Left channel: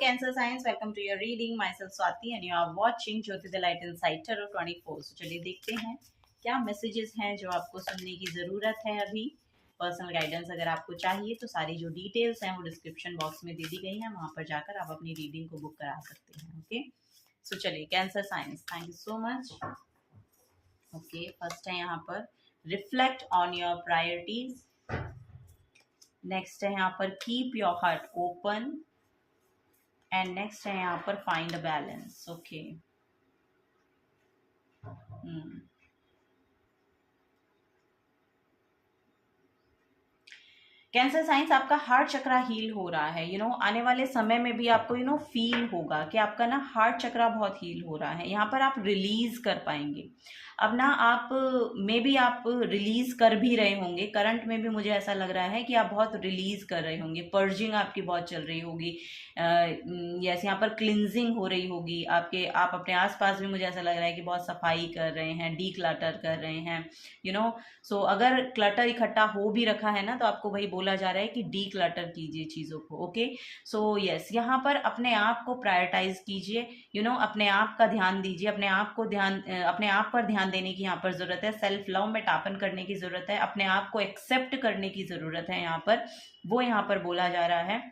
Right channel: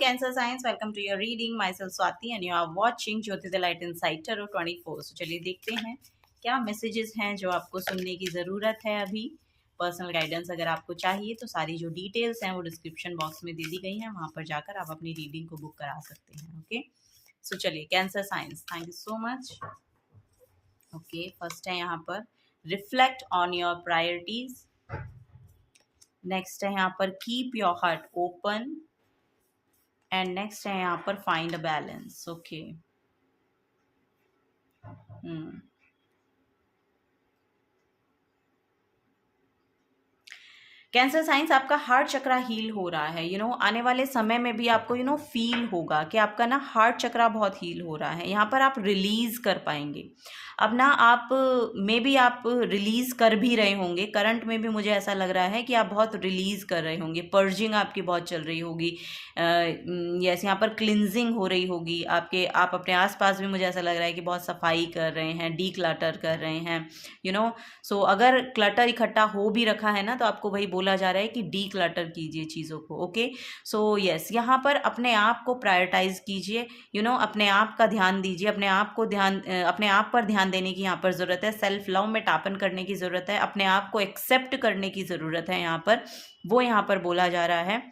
Cancer Science, welcome to your reading. Myself Swati and you are watching Jyoti the Light Inside Tarot 24. So चलिए देखते हैं क्या messages हैं जो आपको सुनने की ज़रूरत है अभी। पर्सनल गाइडेंस अगर आपको चाहिए तो सारी जो डिटेल्स हैं वो डिस्क्रिप्शन बॉक्स में दे दी गई हैं, वहाँ पर जाकर आप अपनी रीडिंग को बुक करा सकते हैं। ओके, सो चलिए cancer science, thank you so much. Okay, first है यहाँ पर reflect on your priorities. Next है यहाँ पर keep your heart open and next है यहाँ पर find a balance. Okay, cancer science, आपका हार्ट चक्रा हील हो रहा है। आने वाले समय में भी आपको फील होगा कि आपका ना हार्ट चक्रा बहुत हील हो रहा है। यहाँ पर आप रिलीज कर पाएंगे। अब ना आप मे बी आप रिलीज कर भी रहे होंगे, करंट में भी मुझे ऐसा लग रहा है कि आप बहुत रिलीज कर रहे होंगे। पर्जिंग आपकी बहुत चल रही होगी, यस, यहाँ पर क्लिनजिंग हो रही होगी आप अपने आसपास भी मुझे ऐसा लग रहा है कि बहुत सफाई कर रहे हैं, डी क्लटर कर रहे हैं। सो अगर क्लटर इकट्ठा हो भी रखा है ना तो आपको वही बोला जा रहा है कि डी क्लटर कीजिए चीज़ों को। ओके, सो यस, यहाँ पर अपने आप को प्रायोरिटाइज कीजिए। अपने आप का ध्यान दीजिए, अपने आप पर ध्यान देने की यहाँ पर ज़रूरत है। सेल्फ लव में टापन करने की ज़रूरत है, अपने आप को एक्सेप्ट करने की ज़रूरत है। यहाँ पर वो यहाँ पर बोला जा रहा है।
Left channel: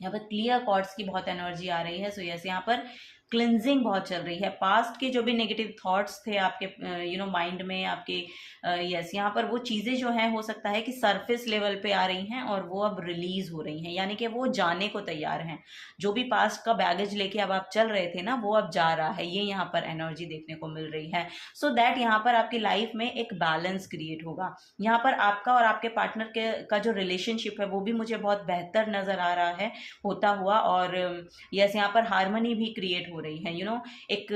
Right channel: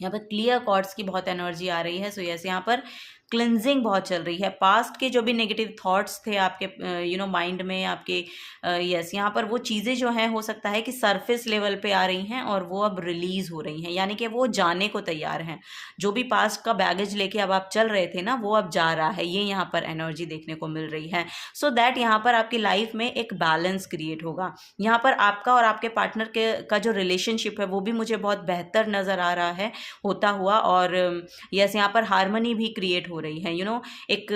यहाँ पर क्लियर कॉर्ड्स की बहुत एनर्जी आ रही है। सो यस, यहाँ पर क्लिनजिंग बहुत चल रही है। पास्ट के जो भी नेगेटिव थॉट्स थे आपके माइंड में आपके, यस, यहाँ पर वो चीज़ें जो हैं हो सकता है कि सरफेस लेवल पे आ रही हैं और वो अब रिलीज हो रही हैं, यानी कि वो जाने को तैयार हैं। जो भी पास्ट का बैगेज लेके अब आप चल रहे थे ना, वो अब जा रहा है। ये यहाँ पर एनर्जी देखने को मिल रही है। सो दैट यहाँ पर आपकी लाइफ में एक बैलेंस क्रिएट होगा। यहाँ पर आपका और आपके पार्टनर का जो रिलेशनशिप है वो भी मुझे बहुत बेहतर नज़र आ रहा है होता हुआ। और यस, यहाँ पर हार्मनी भी क्रिएट हो रही है। एक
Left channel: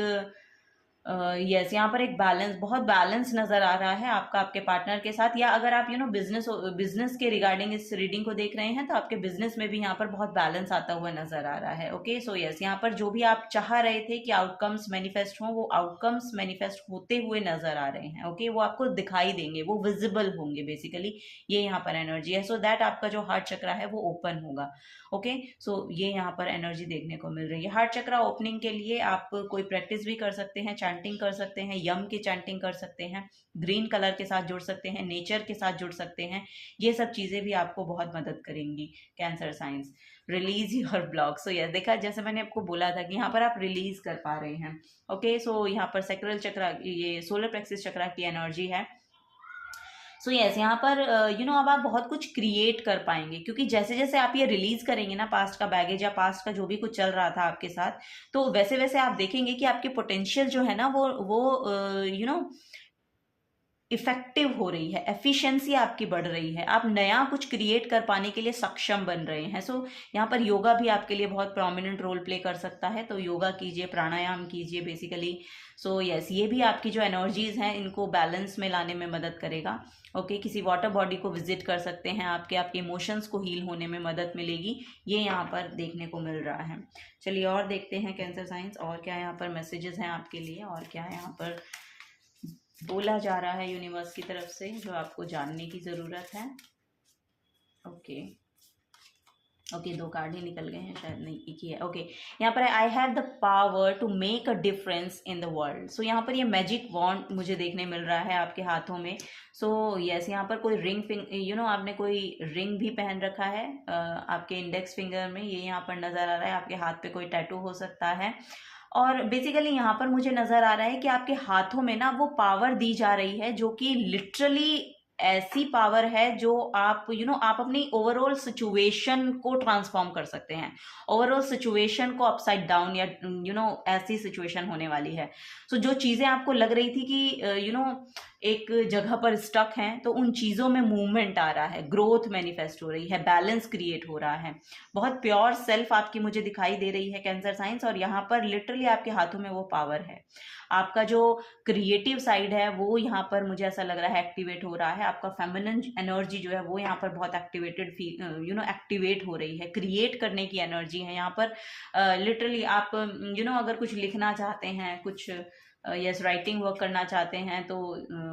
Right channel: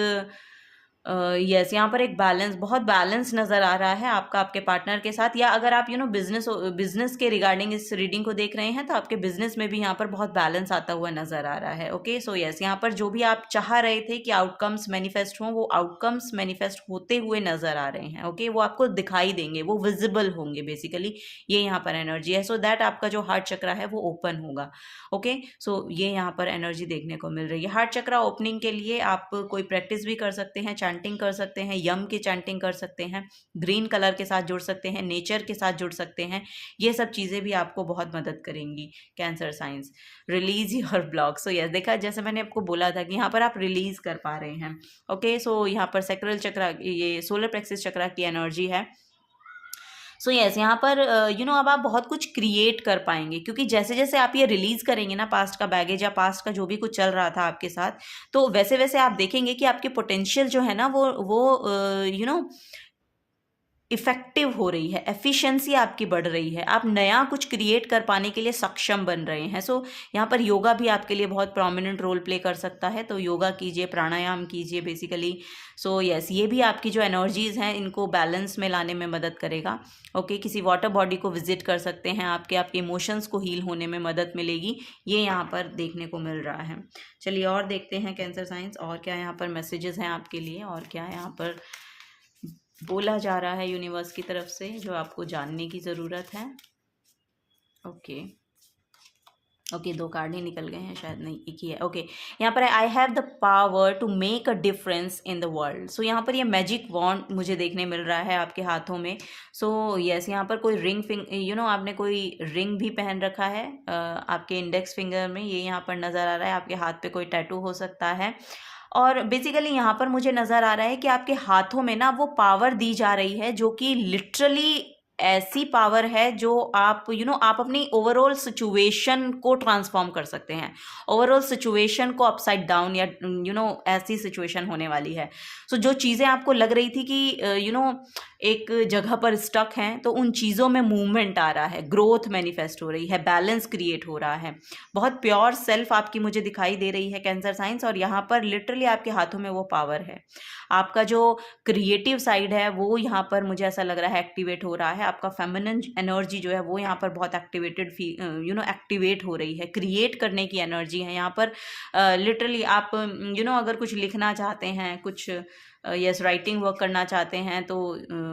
यस, यहाँ पर एक बहुत बैलेंस नज़र आ रहा है आपका आपके पार्टनर के साथ। या अगर आप बिजनेस के रिगार्डिंग इस रीडिंग को देख रहे हैं तो आपके बिजनेस में भी यहाँ पर बहुत बैलेंस आता हुआ नज़र आ रहा है। ओके, सो यस, यहाँ पर जो भी आप चाह रहे थे कि आउटकम्स मैनिफेस्ट हों, वो आउटकम्स मैनिफेस्ट होते हुए नज़र आ रहे हैं। ओके, वो आपको दिखाई देंगे, वो विजिबल होंगे बेसिकली। ये यहाँ पर एनर्जी है। सो दैट आपका जो हार्ट चक्रा है वो ओपन होगा। ओके, सो ये यहाँ पर एनर्जी देखने को मिल रही है। हार्ट चक्रा ओपनिंग के लिए आप कोई प्रैक्टिस भी कर सकते हैं, चैंटिंग कर सकते हैं, यम की चैंटिंग कर सकते हैं, ग्रीन कलर के साथ जुड़ सकते हैं, नेचर के साथ जुड़ सकते हैं। ये सब चीज़ें भी आपको बहुत मदद करेंगी। Cancer science, release your block. So yes, देखा, जैसे मैंने आपको बोला था कि यहाँ पर आप रिलीज कर पा रहे हैं। ओके, सो यहाँ पर सैक्रल चक्रा, ये सोलर प्लेक्सस चक्रा की एनर्जी है। सो यस, यहाँ पर अब आप बहुत कुछ क्रिएट कर पाएंगे, क्योंकि जैसे जैसे आप ये रिलीज करेंगे ना पास्ट का बैगेज या पास्ट का जो भी कुछ चल रहा था आपके साथ, तो वैसे वैसे आप देखेंगे कि आपकी पोटेंशियल जो है ना वो इफेक्टिव हो रही है, एफिशिएंसी आपकी बढ़ रही है, आप नया कुछ क्रिएट कर पाने के लिए सक्षम बन रहे हैं। सो यहाँ पर योगा भी आपके लिए बहुत प्रोमिनेंट रोल प्ले कर सकता है, तो योगा कीजिए, प्राणायाम कीजिए बेसिकली। सो यस, ये भी आपकी जो एनर्जीज हैं इनको बैलेंस में लाने में मदद करेगा। ओके, किसी वाटर बॉडी को विजिट कर सकते हैं, आपके इमोशंस को हील होने में मदद मिलेगी। ये यहाँ पर देखने को मिल रहा है। चलिए और देखते हैं कैंसर साइंस, और क्या यहाँ पर मैसेजेस हैं आपके लिए, और क्या यहाँ पर बोला जा रहा है यूनिवर्स की तरफ से जो आपको जानने की ज़रूरत है। ओके, दो कार्ड ही निकल गए हैं शायद, नहीं एक ही है। ओके, यहाँ पर I have the power to make a difference in the world. So यहाँ पर ये मैजिक वॉन्ड मुझे देखने मिल रहा है आपके हाथों में। सो यस, यहाँ पर कोई रिंग आपने कोई रिंग भी पहन रखा है आपके इंडेक्स फिंगर में, ये यहाँ पर नज़र आ रहा है। आपके हाथ पे कोई टैटू हो सकता है। और बेसिकली यहाँ पर मुझे नज़र आ रहा है कि आपके हाथों में ना वो पावर दी जा रही है जो कि लिटरली ऐसी पावर है जो आप आप अपनी ओवरऑल सिचुएशन को ट्रांसफॉर्म कर सकते हैं। ओवरऑल सिचुएशन को अपसाइड डाउन या ऐसी सिचुएशन होने वाली है। सो जो चीज़ें आपको लग रही थी कि एक जगह पर स्टक हैं, तो उन चीज़ों में मूवमेंट आ रहा है, ग्रोथ मैनिफेस्ट हो रही है, बैलेंस क्रिएट हो रहा है। बहुत प्योर सेल्फ आपकी मुझे दिखाई दे रही है कैंसर साइंस, और यहाँ पर लिटरली आपके हाथों में वो पावर है। आपका जो क्रिएटिव साइड है वो यहाँ पर मुझे ऐसा लग रहा है एक्टिवेट हो रहा है। आपका फेमिनिन एनर्जी जो है वो यहाँ पर बहुत एक्टिवेट हो रही है। क्रिएट करने की एनर्जी है यहाँ पर। लिटरली आप अगर कुछ लिखना चाहते हैं, कुछ यस राइटिंग वर्क करना चाहते हैं तो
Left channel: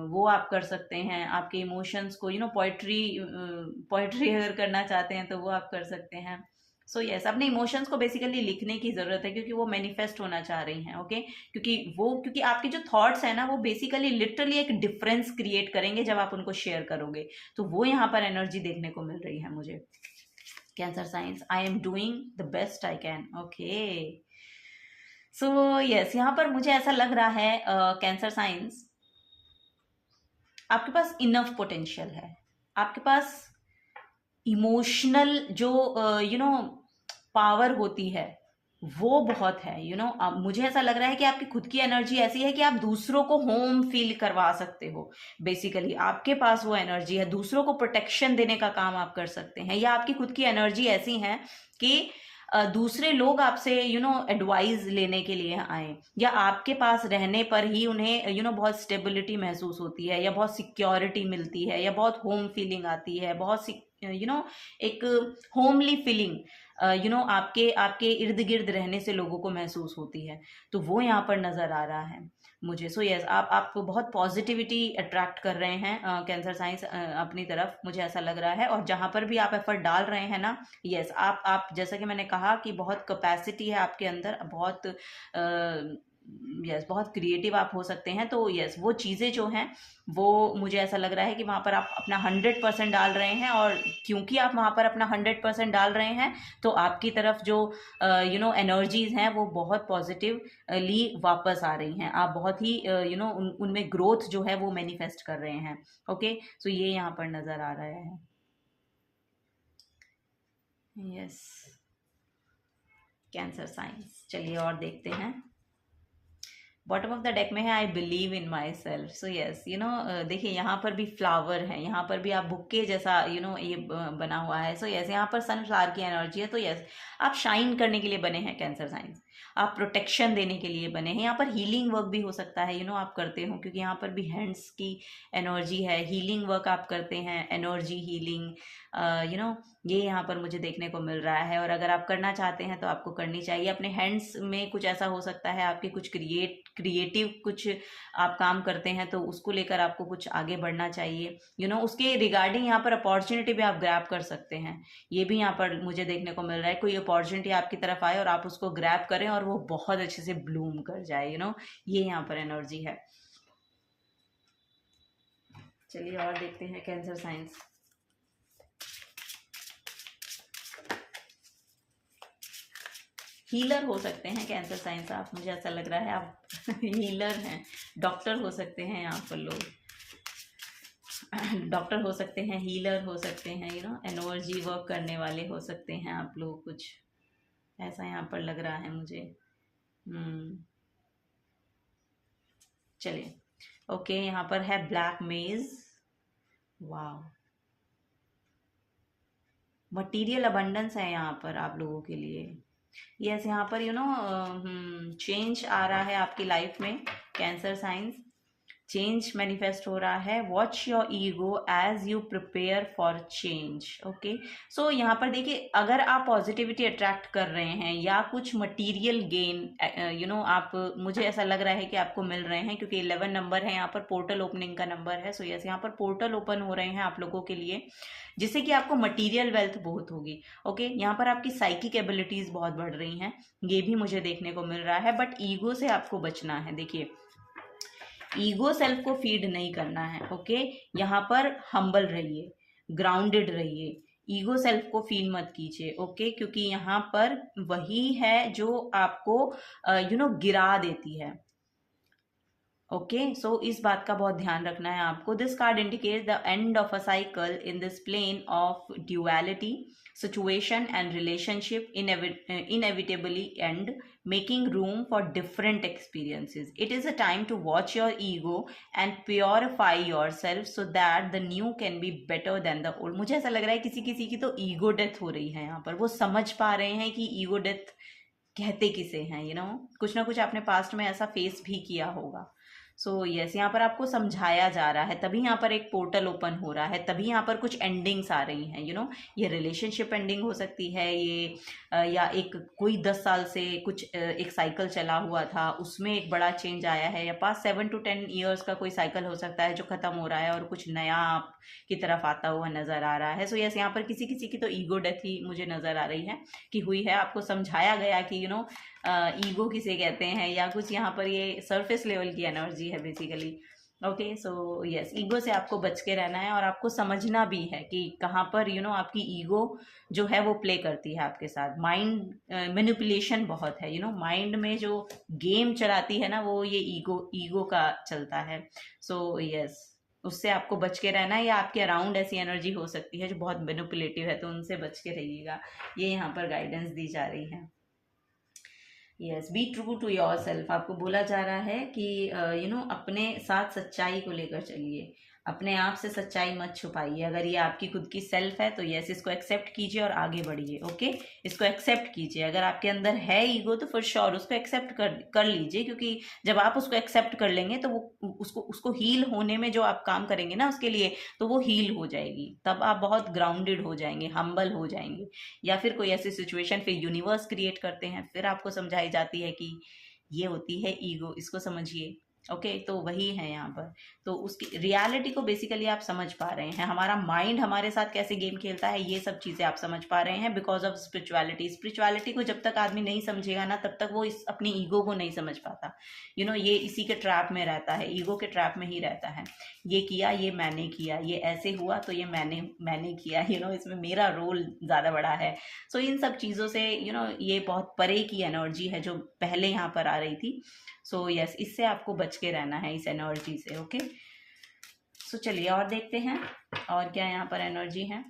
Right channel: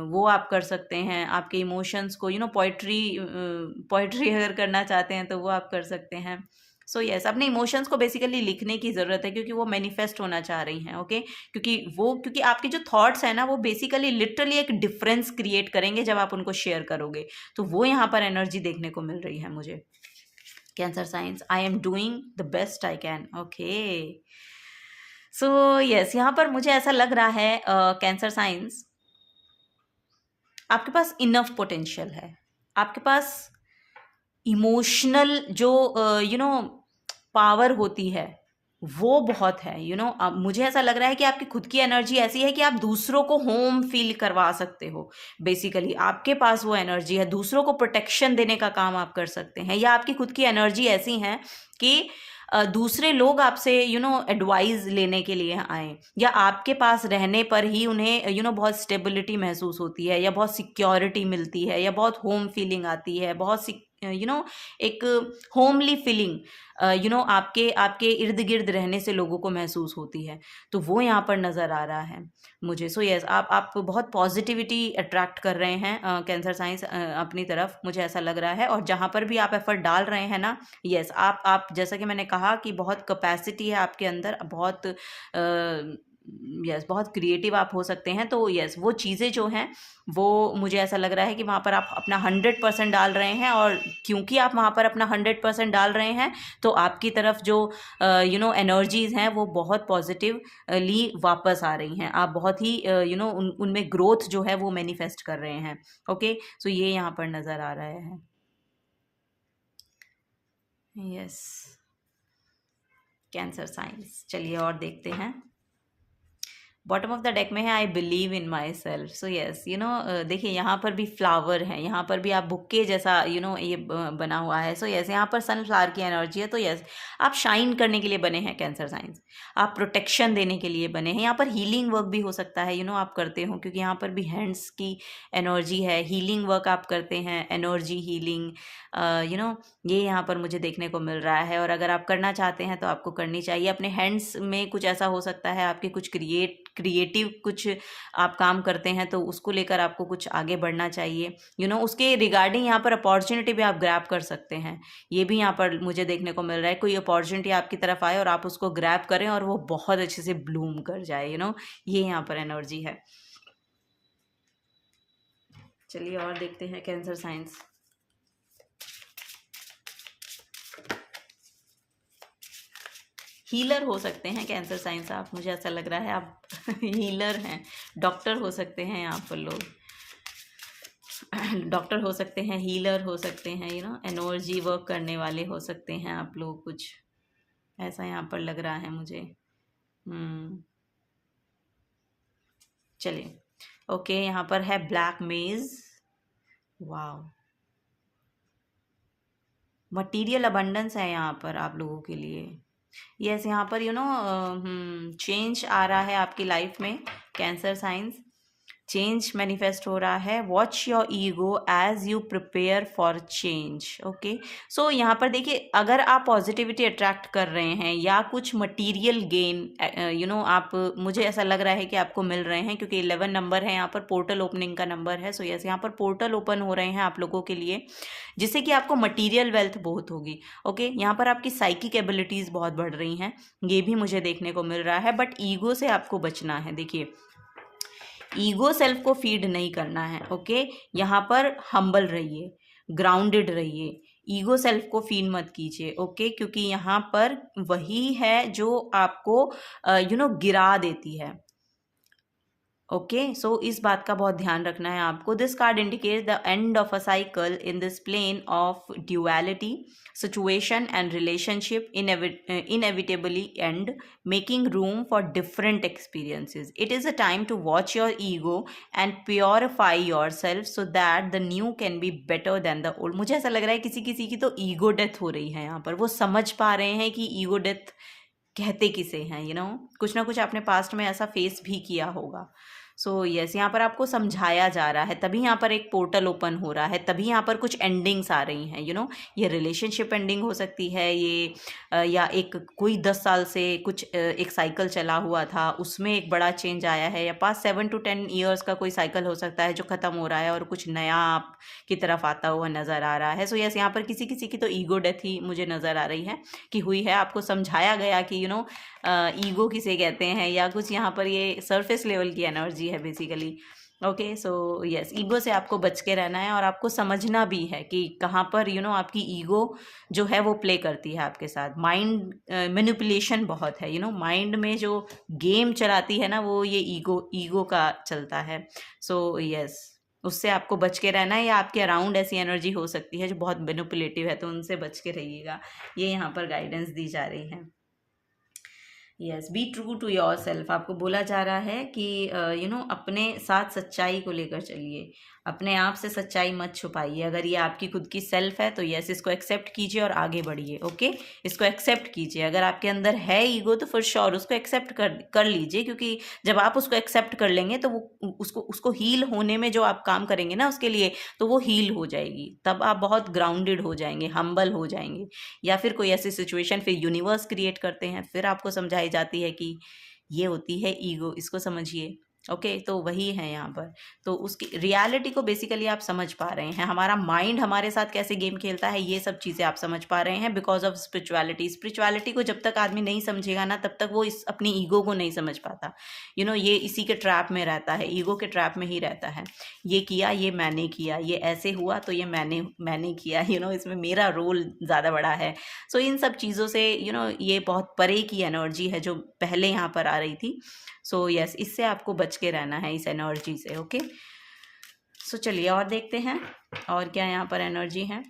वो आप कर सकते हैं। आपके इमोशंस को पोइट्री अगर करना चाहते हैं तो वो आप कर सकते हैं। सो यस, अपने इमोशंस को बेसिकली लिखने की ज़रूरत है, क्योंकि वो मैनिफेस्ट होना चाह रही हैं, ओके। क्योंकि आपके जो थॉट्स हैं ना, वो बेसिकली लिटरली एक डिफरेंस क्रिएट करेंगे जब आप उनको शेयर करोगे। तो वो यहाँ पर एनर्जी देखने को मिल रही है मुझे। Cancer science, I am doing the best I can, okay. So yes, यहाँ पर मुझे ऐसा लग रहा है कैंसर साइंस, आपके पास इनफ पोटेंशियल है, आपके पास इमोशनल जो पावर होती है वो बहुत है। मुझे ऐसा लग रहा है कि आपकी खुद की एनर्जी ऐसी है कि आप दूसरों को होम फील करवा सकते हो। बेसिकली आपके पास वो एनर्जी है, दूसरों को प्रोटेक्शन देने का काम आप कर सकते हैं, या आपकी खुद की एनर्जी ऐसी है कि दूसरे लोग आपसे एडवाइस लेने के लिए आए, या आपके पास रहने पर ही उन्हें बहुत स्टेबिलिटी महसूस होती है, या बहुत सिक्योरिटी मिलती है, या बहुत होम फीलिंग आती है, बहुत एक होमली फीलिंग आपके आपके इर्द गिर्द रहने से लोगों को महसूस होती है। तो वो यहाँ पर नज़र आ रहा है मुझे। सो यस, आप बहुत पॉजिटिविटी अट्रैक्ट कर रहे हैं कैंसर साइंस अपनी तरफ, मुझे ऐसा लग रहा है। और जहाँ पर भी आप एफर्ट डाल रहे हैं ना, यस, आप जैसा कि मैंने कहा कि बहुत कैपेसिटी है आपके अंदर, बहुत यस, बहुत क्रिएटिव आप हो सकते हैं। तो यस, वो चीज़ें जो हैं वो मुझे ऐसा लग रहा है कि वहाँ पर आप अपना 100% डाल रहे हैं, और क्योंकि आप वहाँ पर अपना 100% डाल रहे हैं तो आपकी तरफ जो एनर्जीज़ हैं वो बहुत पॉजिटिवली वापस आ रही हैं। आप बहुत ही उनमें ग्रोथ जो है वो मैनिफेस्ट कर रहे हैं, ओके। सो ये यहाँ पर नज़र आ रहा है, यस, कैंसर साइंस। चलिए और देखते हैं। बॉटम ऑफ द डेक में है I believe in my self. So yes, देखिए यहाँ पर भी फ्लावर है, यहाँ पर भी आप बुक्के जैसा ये बना हुआ है। सो यस, यहाँ पर सनफ्लावर की एनर्जी है। तो यस, आप शाइन करने के लिए बने हैं कैंसर साइंस, आप प्रोटेक्शन देने के लिए बने हैं। यहाँ पर हीलिंग वर्क भी हो सकता है, आप करते हो, क्योंकि यहाँ पर भी हैंड्स की एनर्जी है। हीलिंग वर्क आप करते हैं, एनर्जी हीलिंग, ये यहाँ पर मुझे देखने को मिल रहा है। और अगर आप करना चाहते हैं तो आपको करनी चाहिए। अपने हैंड्स में कुछ ऐसा हो सकता है, आपके कुछ क्रिएटिव कुछ आप काम करते हैं, तो उसको लेकर आपको कुछ आगे बढ़ना चाहिए। उसके रिगार्डिंग यहाँ पर अपॉर्चुनिटी भी आप ग्रैब कर सकते हैं। ये भी यहाँ पर मुझे देखने को मिल रहा है, कोई अपॉर्चुनिटी आपकी तरफ आए और आप उसको ग्रैब करें और वो बहुत अच्छे से ब्लूम कर जाए। ये यहाँ पर एनर्जी है। चलिए और देखते हैं कैंसर साइंस। हीलर हो सकते हैं कैंसर साइंस आप, मुझे ऐसा लग रहा है आप हीलर हैं, डॉक्टर हो सकते हैं यहाँ पर लोग, डॉक्टर हो सकते हैं, हीलर हो सकते हैं, एनर्जी वर्क करने वाले हो सकते हैं आप लोग, कुछ ऐसा यहाँ पर लग रहा है मुझे। चलिए, ओके, यहाँ पर है ब्लैक मेज। वाह, मटीरियल अबंडेंस है यहाँ पर आप लोगों के लिए। यस, यहाँ पर चेंज आ रहा है आपकी लाइफ में कैंसर साइंस, चेंज मैनिफेस्ट हो रहा है। Watch your ego as you prepare for change, okay. So यहाँ पर देखिए, अगर आप पॉजिटिविटी अट्रैक्ट कर रहे हैं या कुछ मटेरियल गेन आप, मुझे ऐसा लग रहा है कि आपको मिल रहे हैं, क्योंकि 11 नंबर है यहाँ पर, पोर्टल ओपनिंग का नंबर है। सो यस, यहाँ पर पोर्टल ओपन हो रहे हैं आप लोगों के लिए, जिससे कि आपको मटीरियल वेल्थ बहुत होगी, ओके। यहाँ पर आपकी साइकिक एबिलिटीज़ बहुत बढ़ रही हैं, ये भी मुझे देखने को मिल रहा है। बट ईगो से आपको बचना है। देखिए, ईगो सेल्फ को फीड नहीं करना है, ओके। यहाँ पर हम्बल रहिए, ग्राउंडेड रहिए, ईगो सेल्फ को फीड मत कीजिए, ओके। क्योंकि यहाँ पर वही है जो आपको गिरा देती है, ओके। सो इस बात का बहुत ध्यान रखना है आपको। This card indicates the end of a cycle in this plane of duality, situation and relationship inevitably end, making room for different experiences. It is a time to watch your ego and purify yourself so that the new can be better than the old. मुझे ऐसा लग रहा है किसी किसी की तो ego death हो रही है यहाँ पर, वो समझ पा रहे हैं कि ईगो डेथ कहते किसे हैं, कुछ ना कुछ आपने पास्ट में ऐसा फेस भी किया होगा। सो यस, यहाँ पर आपको समझाया जा रहा है, तभी यहाँ पर एक पोर्टल ओपन हो रहा है, तभी यहाँ पर कुछ एंडिंग्स आ रही हैं, ये रिलेशनशिप एंडिंग हो सकती है, ये या एक कोई 10 साल से कुछ एक साइकिल चला हुआ था उसमें एक बड़ा चेंज आया है, या पास 7 to 10 ईयर्स का कोई साइकिल हो सकता है जो ख़त्म हो रहा है और कुछ नया आप की तरफ आता हुआ नज़र आ रहा है। सो यस, यहाँ पर किसी किसी की तो ईगो डेथ ही मुझे नज़र आ रही है कि हुई है। आपको समझाया गया कि ईगो किसे कहते हैं, या कुछ यहाँ पर ये सरफेस लेवल की एनर्जी है basically. Okay, so yes, ego से आपको बच के रहना है और आपको समझना भी है कि कहाँ पर आपकी ईगो जो है वो प्ले करती है आपके साथ। माइंड मैनिपुलेशन बहुत है, माइंड में जो गेम चलाती है ना, वो ये ईगो का चलता है। सो यस, उससे आपको बच के रहना है, या आपके अराउंड ऐसी एनर्जी हो सकती है जो बहुत मैनिपुलेटिव है, तो उनसे बच के रहिएगा। ये यहाँ पर गाइडेंस दी जा रही है। Yes, be true to yourself, आपको बोला जा रहा है कि अपने साथ सच्चाई को लेकर चलिए, अपने आप से सच्चाई मत छुपाइए। अगर ये आपकी खुद की सेल्फ है तो यस, इसको एक्सेप्ट कीजिए और आगे बढ़िए। ओके, इसको एक्सेप्ट कीजिए। अगर आपके अंदर है ईगो तो फिर श्योर उसको एक्सेप्ट कर लीजिए, क्योंकि जब आप उसको एक्सेप्ट कर लेंगे तो वो उसको हील होने में जो आप काम करेंगे ना उसके लिए, तो वो हील हो जाएगी। तब आप बहुत ग्राउंडेड हो जाएंगे, हम्बल हो जाएंगे। या फिर कोई ऐसी सिचुएशन फिर यूनिवर्स क्रिएट करते हैं, फिर आपको समझाई जाती है कि ये होती है ईगो, इसको समझिए। ओके, तो वही है यहाँ पर। तो उसकी रियलिटी को बेसिकली आप समझ पा रहे हैं, हमारा माइंड हमारे साथ कैसे गेम खेलता है, ये सब चीज़ें आप समझ पा रहे हैं बिकॉज ऑफ स्पिरिचुअलिटी को जब तक आदमी नहीं समझेगा ना, तब तक वो इस अपनी ईगो को नहीं समझ पाता। ये इसी के ट्रैप में रहता है, ईगो के ट्रैप में ही रहता है। ये किया, ये मैंने किया, ये ऐसे हुआ तो ये मैंने किया, इसमें मेरा रोल ज़्यादा बड़ा है। सो इन सब चीज़ों से ये बहुत परे की एनर्जी है जो पहले यहाँ पर आ रही थी। सो यस, इससे आपको बच के रहना है, इस एनर्जी से। ओके, सो चलिए और देखते हैं और क्या यहाँ पर एनर्जी है।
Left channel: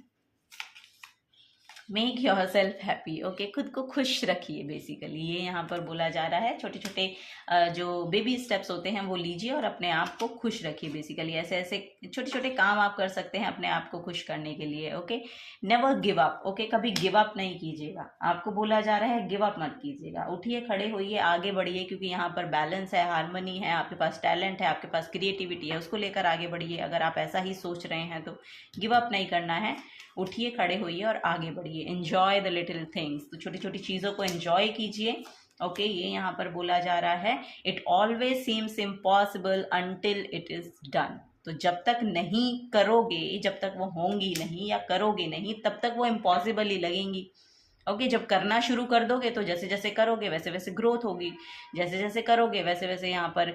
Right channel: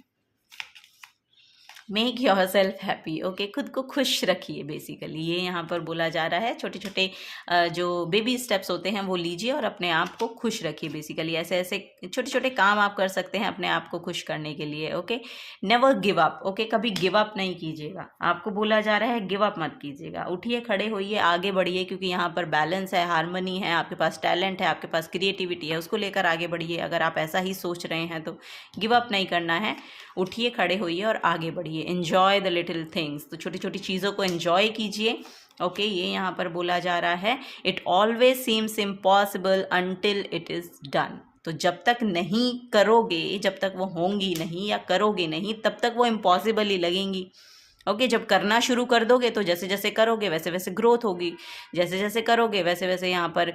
Make your self happy. Okay, खुद को खुश रखिए बेसिकली, ये यहाँ पर बोला जा रहा है। छोटे छोटे जो बेबी स्टेप्स होते हैं वो लीजिए और अपने आप को खुश रखिए बेसिकली। ऐसे ऐसे छोटे छोटे काम आप कर सकते हैं अपने आप को खुश करने के लिए। Okay, never give up. Okay, कभी गिव अप नहीं कीजिएगा, आपको बोला जा रहा है गिव अप मत कीजिएगा। उठिए, खड़े होइए, आगे बढ़िए, क्योंकि यहाँ पर बैलेंस है, हारमोनी है, आपके पास टैलेंट है, आपके पास क्रिएटिविटी है, उसको लेकर आगे बढ़िए। अगर आप ऐसा ही सोच रहे हैं तो गिव अप नहीं करना है। उठिए, खड़े होइए और आगे बढ़िए। एन्जॉय द लिटिल थिंग्स, तो छोटी छोटी चीज़ों को एन्जॉय कीजिए। ओके, ये यहाँ पर बोला जा रहा है, it always seems impossible until it is done. तो जब तक नहीं करोगे, जब तक वो होंगी नहीं या करोगे नहीं, तब तक वो इम्पॉसिबल ही लगेंगी। ओके, जब करना शुरू कर दोगे तो जैसे जैसे करोगे वैसे वैसे ग्रोथ होगी, जैसे जैसे करोगे वैसे वैसे यहाँ पर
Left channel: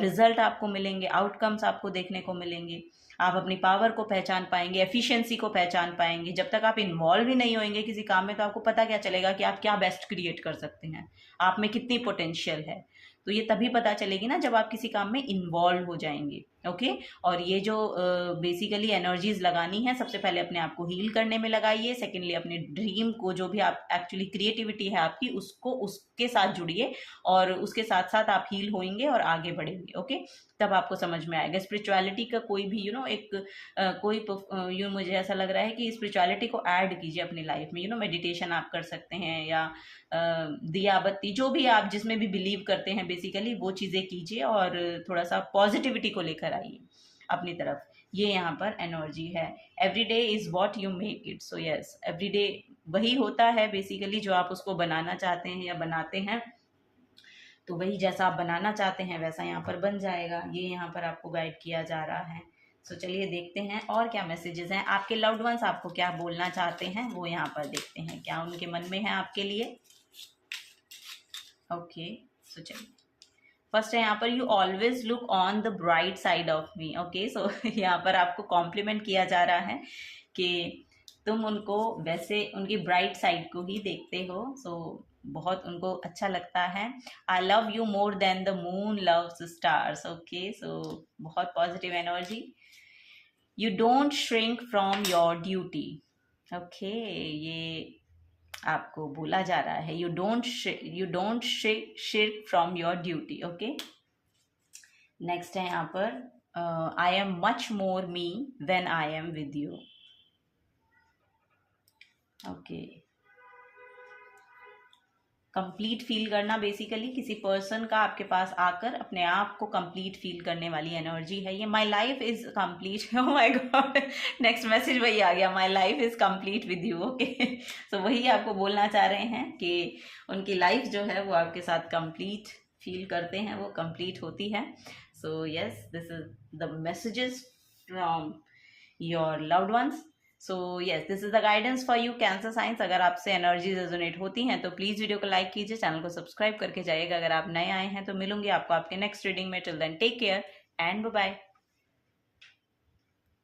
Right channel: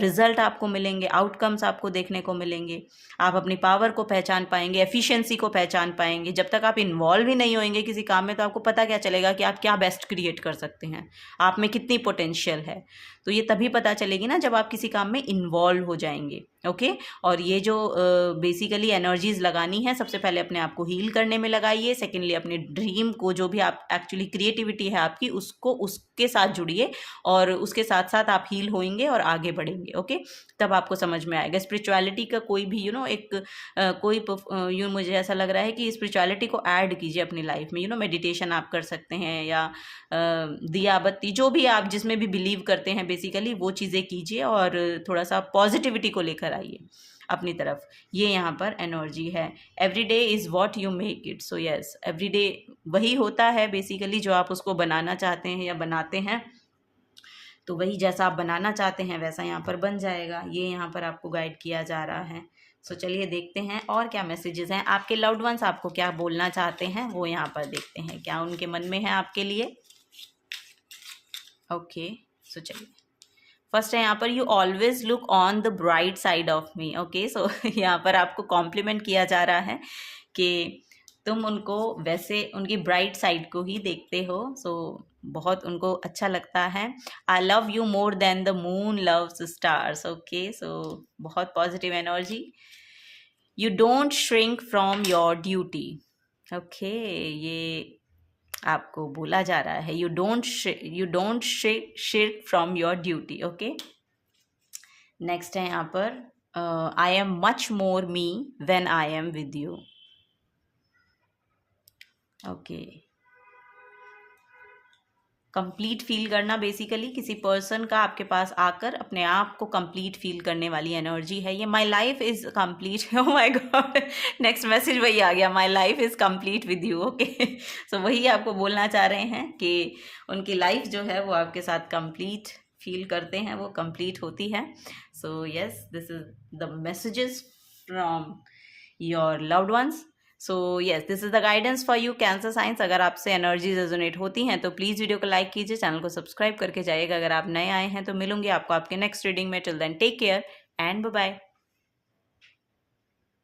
रिजल्ट आपको मिलेंगे, आउटकम्स आपको देखने को मिलेंगे। आप अपनी पावर को पहचान पाएंगे, एफिशिएंसी को पहचान पाएंगे। जब तक आप इन्वॉल्व ही नहीं होंगे किसी काम में, तो आपको पता क्या चलेगा कि आप क्या बेस्ट क्रिएट कर सकते हैं, आप में कितनी पोटेंशियल है। तो ये तभी पता चलेगी ना जब आप किसी काम में इन्वॉल्व हो जाएंगे। ओके, और ये जो बेसिकली एनर्जीज लगानी है, सबसे पहले अपने आप को हील करने में लगाइए। सेकेंडली अपने ड्रीम को, जो भी आप एक्चुअली क्रिएटिविटी है आपकी, उसको उसके साथ जुड़िए और उसके साथ साथ आप हील होंगे और आगे बढ़ेंगे। ओके, तब आपको समझ में आएगा। स्पिरिचुअलिटी का कोई भी एक कोई मुझे ऐसा लग रहा है कि स्पिरिचुअलिटी को ऐड कीजिए अपनी लाइफ में। मेडिटेशन आप कर सकते हैं, या दिया बत्ती, जो भी आप जिसमें भी बिलीव करते हैं बेसिकली वो चीज़ें कीजिए और थोड़ा सा पॉजिटिविटी को लेकर आइए अपनी तरफ। ये यहाँ पर एनर्जी है। Every day is what you make it. So yes, every day वही होता है बेसिकली जो आप उसको बनाना चाहते हैं या बनाते हैं, तो वही जैसा आप बनाना चाहते हैं वैसा यहाँ पर बन जाएगा। ये यहाँ पर आपको गाइड किया जा रहा है। सो चलिए देखते हैं और क्या मैसेजेस हैं। आपके लव्ड वंस आपको क्या बोलना चाहते हैं वो यहाँ पर देखते हैं, क्या उनके मन में है आपके लिए। ओके, सो चलिए, फर्स्ट है यहाँ पर, you always look on the bright side of me. Okay, so यहाँ पर आपको कॉम्प्लीमेंट किया जा रहा है कि तुम उनको वैसे उनकी ब्राइट साइड को ही देखते हो। सो बहुत उनको अच्छा लगता है। I love you more than the moon loves stars. Okay, so बहुत positive energy. You don't shrink from your duty. Okay, ये आपको बोला जा रहा है, you don't shirk from your duty. Okay, next है यहाँ पर, I am much more me when I am with you. Okay, complete feel करना, बेसिकली किसी पर्सन का आपके पास आकर अपने आप को कंप्लीट फील करने वाली एनर्जी है ये। My life is complete, oh my God, next message वही आ गया, my life is complete with you. Okay, so वही आपको बोलना चाह रहे हैं कि उनकी लाइफ जो है वो आपके साथ कंप्लीट फील करते हैं, वो कंप्लीट होती है। So yes, this is the messages from your loved ones. So yes, this is the guidance for you cancer science. अगर आपसे एनर्जीज रेजोनेट होती हैं तो प्लीज़ वीडियो को लाइक कीजिए, चैनल को सब्सक्राइब करके जाइएगा अगर आप नए आए हैं। तो मिलूंगी आपको आपके नेक्स्ट रीडिंग में। Till then take care and bye bye.